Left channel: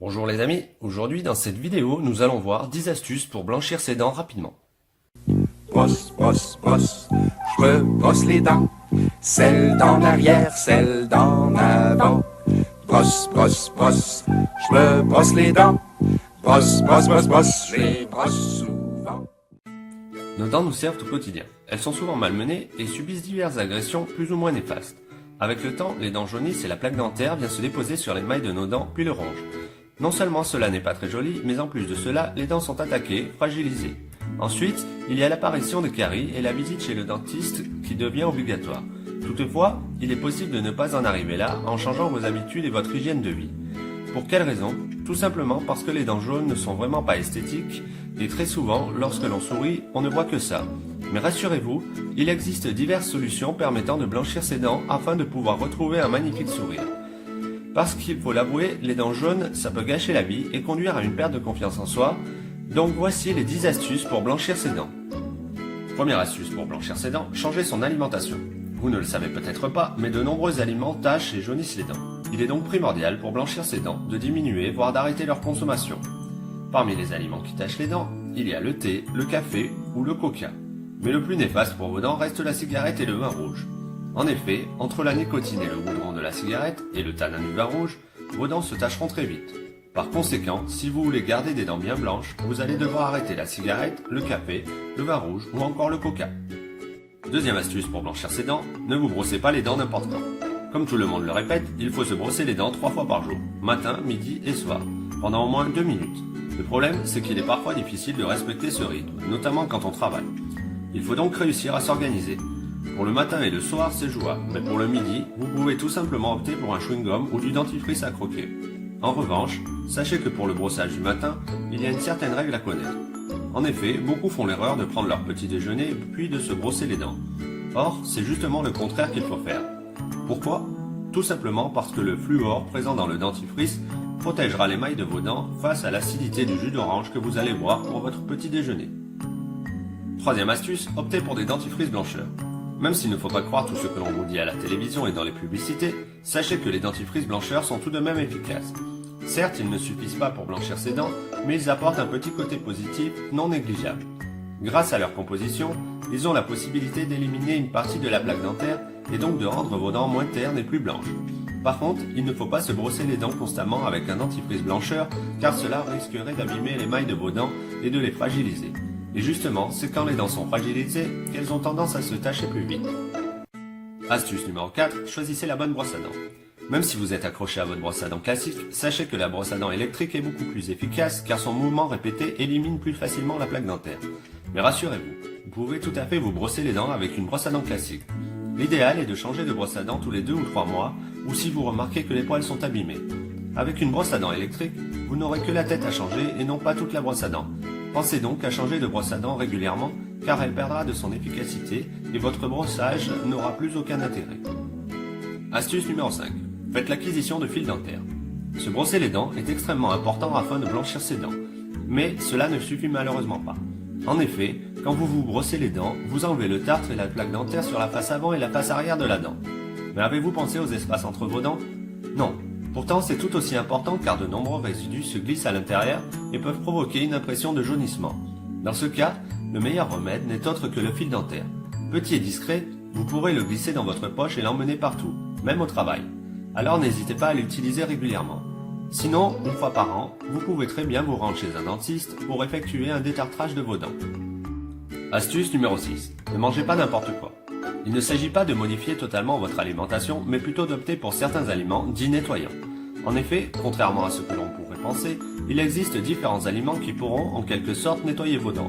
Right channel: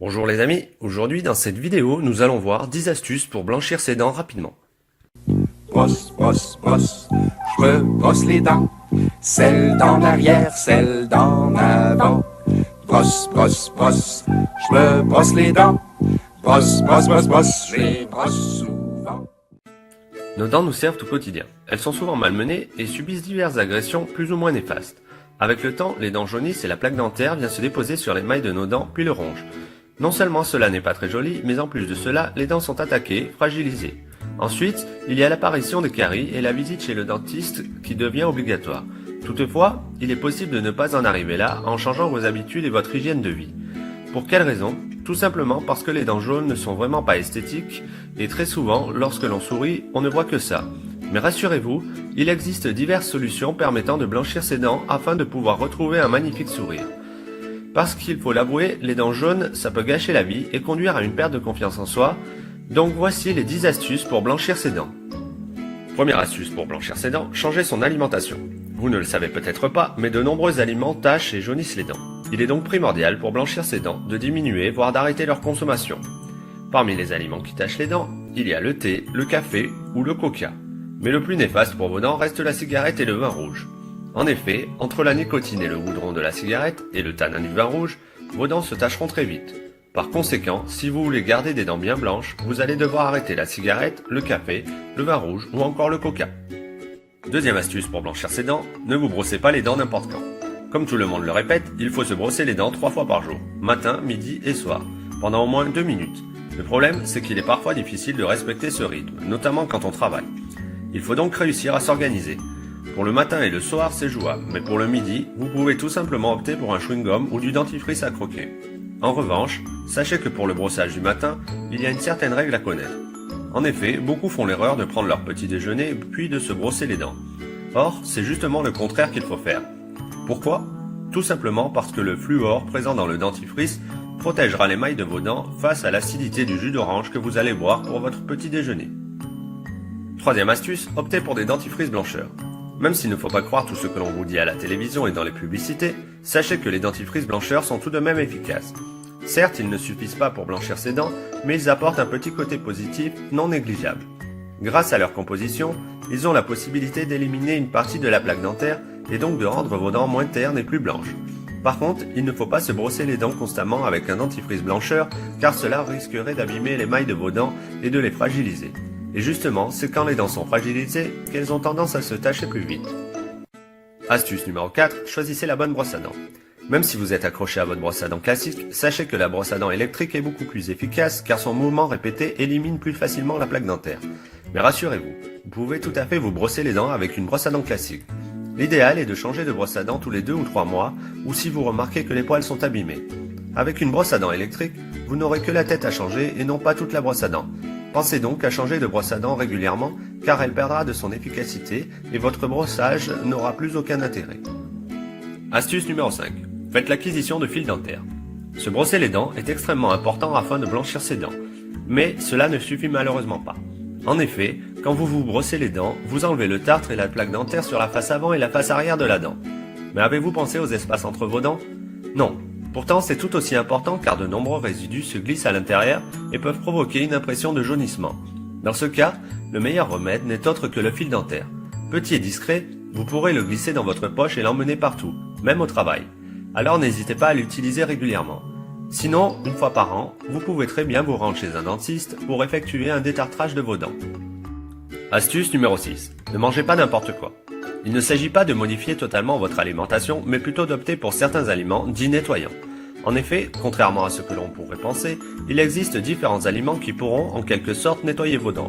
Bonjour les amis, aujourd'hui dans cette vidéo nous allons voir 10 astuces pour blanchir ses dents rapidement. Brosse, brosse, brosse, je me brosse les dents. Celle d'en arrière, celle d'en avant. Brosse, brosse, brosse, je me brosse les dents. Brosse, brosse, brosse, brosse, je les brosse souvent. Nos dents nous servent au quotidien. Elles sont souvent malmenées et subissent diverses agressions plus ou moins néfastes. Avec le temps, les dents jaunissent et la plaque dentaire vient se déposer sur l'émail de nos dents puis le ronge. Non seulement cela n'est pas très joli, mais en plus de cela, les dents sont attaquées, fragilisées. Ensuite, il y a l'apparition des caries et la visite chez le dentiste qui devient obligatoire. Toutefois, il est possible de ne pas en arriver là en changeant vos habitudes et votre hygiène de vie. Pour quelle raison? Tout simplement parce que les dents jaunes ne sont vraiment pas esthétiques et très souvent, lorsque l'on sourit, on ne voit que ça. Mais rassurez-vous, il existe diverses solutions permettant de blanchir ses dents afin de pouvoir retrouver un magnifique sourire. Parce qu'il faut l'avouer, les dents jaunes, ça peut gâcher la vie et conduire à une perte de confiance en soi. Donc voici les 10 astuces pour blanchir ses dents. Première astuce pour blanchir ses dents, changer son alimentation. Vous ne le savez peut-être pas, mais de nombreux aliments tachent et jaunissent les dents. Il est donc primordial pour blanchir ses dents de diminuer, voire d'arrêter leur consommation. Parmi les aliments qui tachent les dents, il y a le thé, le café ou le coca. Mais le plus néfaste pour vos dents reste la cigarette et le vin rouge. En effet, entre la nicotine et le goudron de la cigarette et le tanin du vin rouge, vos dents se tacheront très vite. Par conséquent, si vous voulez garder des dents bien blanches, vous allez devoir arrêter la cigarette, le café, le vin rouge ou encore le coca. Deuxième astuce pour blanchir ses dents, ne vous brossez pas les dents n'importe quand. Comme tout le monde le répète, il faut se brosser les dents 3 fois par jour, matin, midi et soir, pendant au moins 2 minutes. Le problème, c'est qu'il est parfois difficile de respecter ce rythme, notamment quand on travaille. Il faut donc réussir à s'organiser. Pour le matin et le soir, c'est jouable, mais pour le midi, vous pouvez tout simplement opter pour un chewing-gum ou du dentifrice à croquer. En revanche, sachez que pour le brossage du matin, il y a une certaine règle à connaître. En effet, beaucoup font l'erreur de prendre leur petit déjeuner puis de se brosser les dents. Or, c'est justement le contraire qu'il faut faire. Pourquoi? Tout simplement parce que le fluor présent dans le dentifrice protégera l'émail de vos dents face à l'acidité du jus d'orange que vous allez boire pour votre petit déjeuner. Troisième astuce, optez pour des dentifrices blancheurs. Même s'il ne faut pas croire tout ce que l'on vous dit à la télévision et dans les publicités, sachez que les dentifrices blancheurs sont tout de même efficaces. Certes, ils ne suffisent pas pour blanchir ses dents, mais ils apportent un petit côté positif non négligeable. Grâce à leur composition, ils ont la possibilité d'éliminer une partie de la plaque dentaire et donc de rendre vos dents moins ternes et plus blanches. Par contre, il ne faut pas se brosser les dents constamment avec un dentifrice blancheur car cela risquerait d'abîmer l'émail de vos dents et de les fragiliser. Et justement, c'est quand les dents sont fragilisées qu'elles ont tendance à se tacher plus vite. Astuce numéro 4, choisissez la bonne brosse à dents. Même si vous êtes accroché à votre brosse à dents classique, sachez que la brosse à dents électrique est beaucoup plus efficace car son mouvement répété élimine plus facilement la plaque dentaire. Mais rassurez-vous, vous pouvez tout à fait vous brosser les dents avec une brosse à dents classique. L'idéal est de changer de brosse à dents tous les 2 ou 3 mois ou si vous remarquez que les poils sont abîmés. Avec une brosse à dents électrique, vous n'aurez que la tête à changer et non pas toute la brosse à dents. Pensez donc à changer de brosse à dents régulièrement car elle perdra de son efficacité et votre brossage n'aura plus aucun intérêt. Astuce numéro 5. Faites l'acquisition de fils dentaires. Se brosser les dents est extrêmement important afin de blanchir ses dents. Mais cela ne suffit malheureusement pas. En effet, quand vous vous brossez les dents, vous enlevez le tartre et la plaque dentaire sur la face avant et la face arrière de la dent. Mais avez-vous pensé aux espaces entre vos dents? Non. Pourtant, c'est tout aussi important car de nombreux résidus se glissent à l'intérieur et peuvent provoquer une impression de jaunissement. Dans ce cas, le meilleur remède n'est autre que le fil dentaire. Petit et discret, vous pourrez le glisser dans votre poche et l'emmener partout, même au travail. Alors n'hésitez pas à l'utiliser régulièrement. Sinon, une fois par an, vous pouvez très bien vous rendre chez un dentiste pour effectuer un détartrage de vos dents. Astuce numéro 6. Ne mangez pas n'importe quoi. Il ne s'agit pas de modifier totalement votre alimentation, mais plutôt d'opter pour certains aliments dits nettoyants. En effet, contrairement à ce que l'on pourrait penser, il existe différents aliments qui pourront en quelque sorte nettoyer vos dents.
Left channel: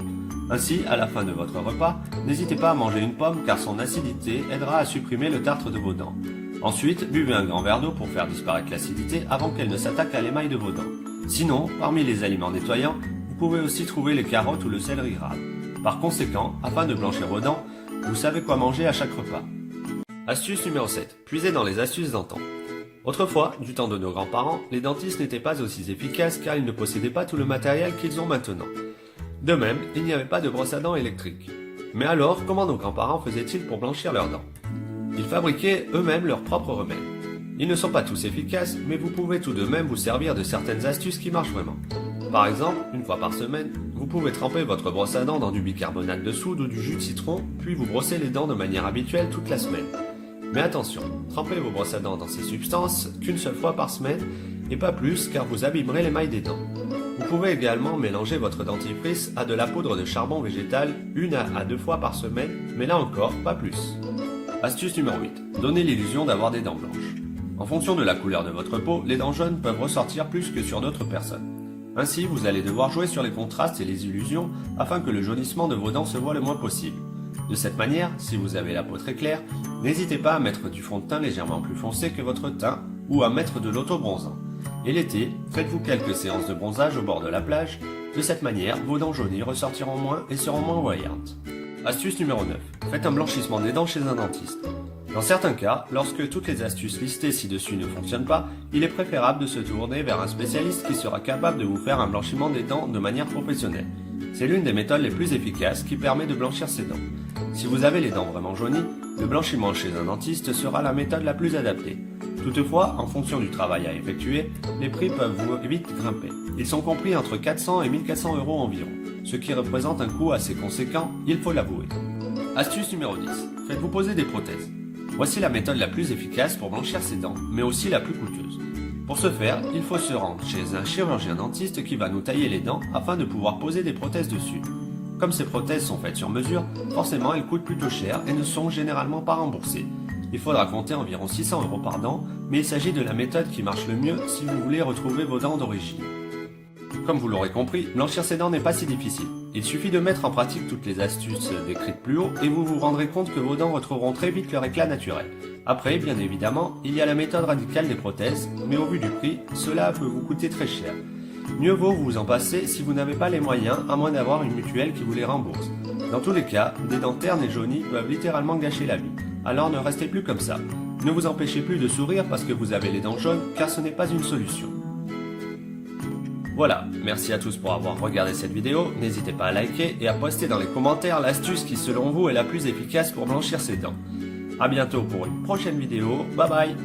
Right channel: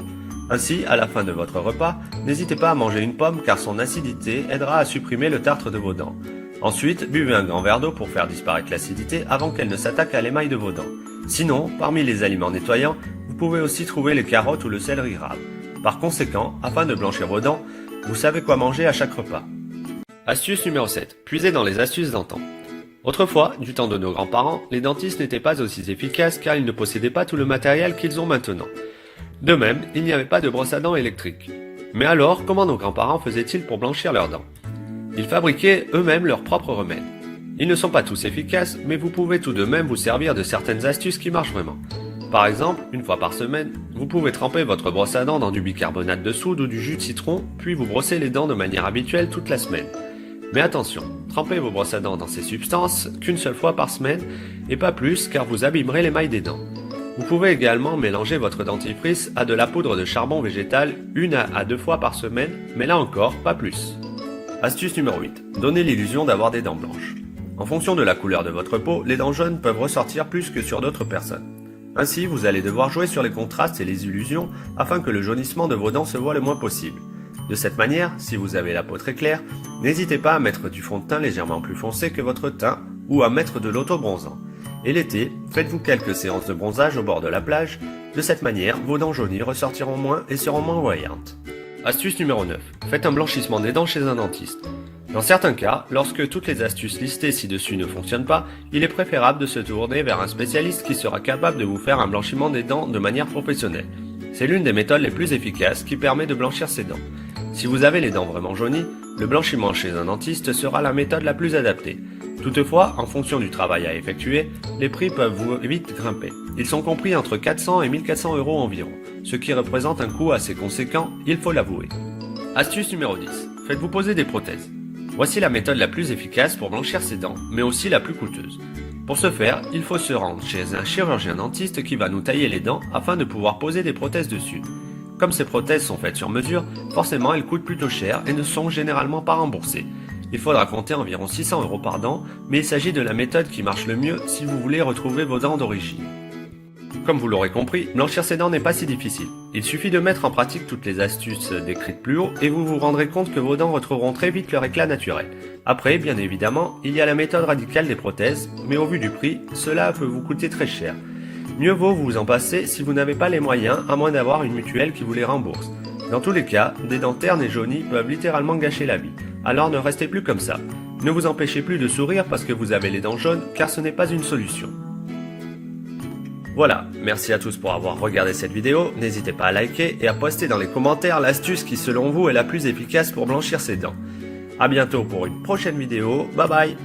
Ainsi, à la fin de votre repas, n'hésitez pas à manger une pomme car son acidité aidera à supprimer le tartre de vos dents. Ensuite, buvez un grand verre d'eau pour faire disparaître l'acidité avant qu'elle ne s'attaque à l'émail de vos dents. Sinon, parmi les aliments nettoyants, vous pouvez aussi trouver les carottes ou le céleri râve. Par conséquent, afin de blanchir vos dents, vous savez quoi manger à chaque repas. Astuce numéro 7. Puisez dans les astuces d'antan. Autrefois, du temps de nos grands-parents, les dentistes n'étaient pas aussi efficaces car ils ne possédaient pas tout le matériel qu'ils ont maintenant. De même, il n'y avait pas de brosse à dents électrique. Mais alors, comment nos grands-parents faisaient-ils pour blanchir leurs dents? Ils fabriquaient eux-mêmes leurs propres remèdes. Ils ne sont pas tous efficaces, mais vous pouvez tout de même vous servir de certaines astuces qui marchent vraiment. Par exemple, une fois par semaine, vous pouvez tremper votre brosse à dents dans du bicarbonate de soude ou du jus de citron, puis vous brosser les dents de manière habituelle toute la semaine. Mais attention, trempez vos brosses à dents dans ces substances qu'une seule fois par semaine, et pas plus car vous abîmerez l'émail des dents. Vous pouvez également mélanger votre dentifrice à de la poudre de charbon végétal 1 à 2 fois par semaine, mais là encore, pas plus. Astuce numéro 8. Donnez l'illusion d'avoir des dents blanches. En fonction de la couleur de votre peau, les dents jaunes peuvent ressortir plus que sur d'autres personnes. Ainsi, vous allez devoir jouer sur les contrastes et les illusions afin que le jaunissement de vos dents se voit le moins possible. De cette manière, si vous avez la peau très claire, n'hésitez pas à mettre du fond de teint légèrement plus foncé que votre teint ou à mettre de l'auto-bronzant. Et l'été, faites-vous quelques séances de bronzage au bord de la plage. De cette manière, vos dents jaunies ressortiront moins et seront moins voyantes. Astuce numéro 9. Faites un blanchissement des dents chez un dentiste. Dans certains cas, lorsque toutes les astuces listées ci-dessus ne fonctionnent pas, il est préférable de se tourner vers un spécialiste qui sera capable de vous faire un blanchiment des dents de manière professionnelle. C'est l'une des méthodes les plus efficaces qui permet de blanchir ses dents. Si vous avez les dents vraiment jaunies, le blanchiment chez un dentiste sera la méthode la plus adaptée. Toutefois, en fonction du travail à effectuer, les prix peuvent vite grimper. Ils sont compris entre 400 et 1400 € environ, ce qui représente un coût assez conséquent, il faut l'avouer. Astuce numéro 10. Faites-vous poser des prothèses. Voici la méthode la plus efficace pour blanchir ses dents, mais aussi la plus coûteuse. Pour ce faire, il faut se rendre chez un chirurgien dentiste qui va nous tailler les dents afin de pouvoir poser des prothèses dessus. Comme ces prothèses sont faites sur mesure, forcément elles coûtent plutôt cher et ne sont généralement pas remboursées. Il faudra compter environ 600 € par dent, mais il s'agit de la méthode qui marche le mieux si vous voulez retrouver vos dents d'origine. Comme vous l'aurez compris, blanchir ses dents n'est pas si difficile. Il suffit de mettre en pratique toutes les astuces décrites plus haut et vous vous rendrez compte que vos dents retrouveront très vite leur éclat naturel. Après, bien évidemment, il y a la méthode radicale des prothèses, mais au vu du prix, cela peut vous coûter très cher. Mieux vaut vous en passer si vous n'avez pas les moyens, à moins d'avoir une mutuelle qui vous les rembourse. Dans tous les cas, des dents ternes et jaunies peuvent littéralement gâcher la vie. Alors ne restez plus comme ça. Ne vous empêchez plus de sourire parce que vous avez les dents jaunes, car ce n'est pas une solution. Voilà, merci à tous pour avoir regardé cette vidéo, n'hésitez pas à liker et à poster dans les commentaires l'astuce qui selon vous est la plus efficace pour blanchir ses dents. A bientôt pour une prochaine vidéo, bye bye.